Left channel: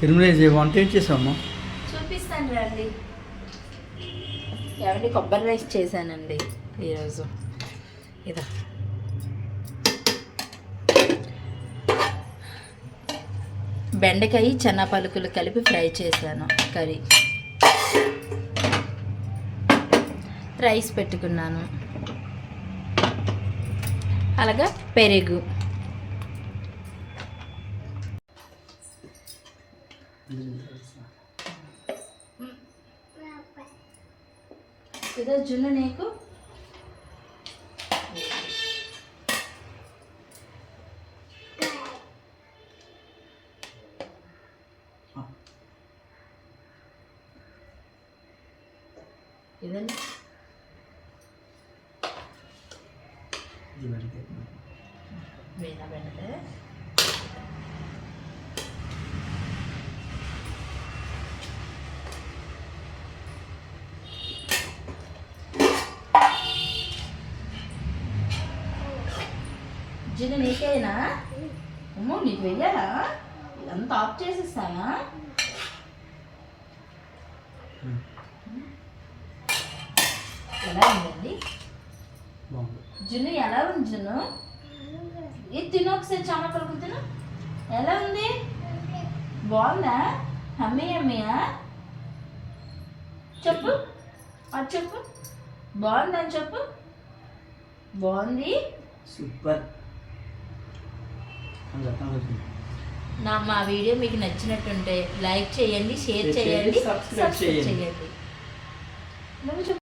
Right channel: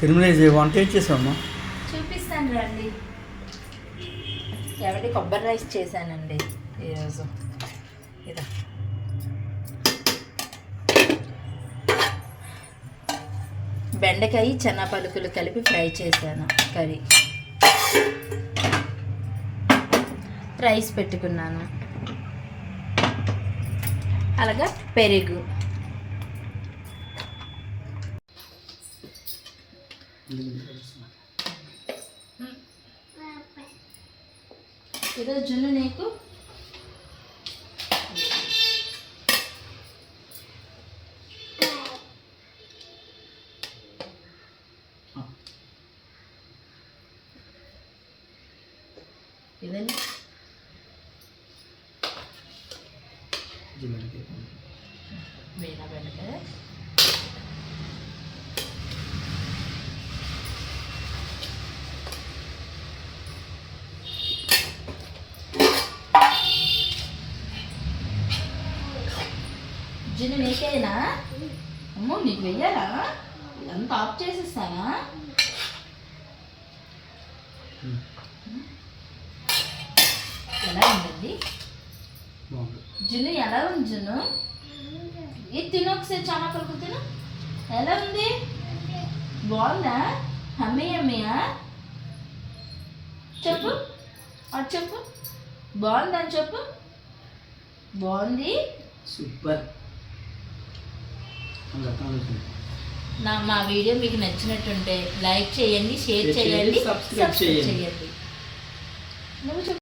తిరుమల వంట ఏం చేసావమ్మా? చూపిస్తాను రండి. ఏమంటే కొబ్బరి రైస్ చేశానండి ఈరోజు. ఇదా బెండకాయ చెనా పలుకులు కలిపి ఫ్రై చేశాను కర్రీ. రైస్ పెట్టుకున్నాను. అలాగా పెరుగు. ఈరోజు జున్ను నీకు ఇదండి. వీణ బెండకాయ జున్ను నీకేనా? అమ్మో నీకు వెయ్యాలా? అంత ఆఫ్ చేసేస్తానా? ఎలా ఉందండి జున్ను? ఎలా ఉంది జున్ను? ఇది తిను ఒకసారి, చాలా పలుకు తిను. ఎలా ఉంది? బాగుందా? హమ్మీ అమ్మయ్యా చెప్పు. అది చెప్పు. బాగుందని చెప్పు. బాగుంది. సూపర్. మా వీడియో మీకు నచ్చినట్టుంటే లైక్ చేయండి, షేర్ చేయండి, సబ్స్క్రైబ్ చేయండి. నువ్వు చెప్పు.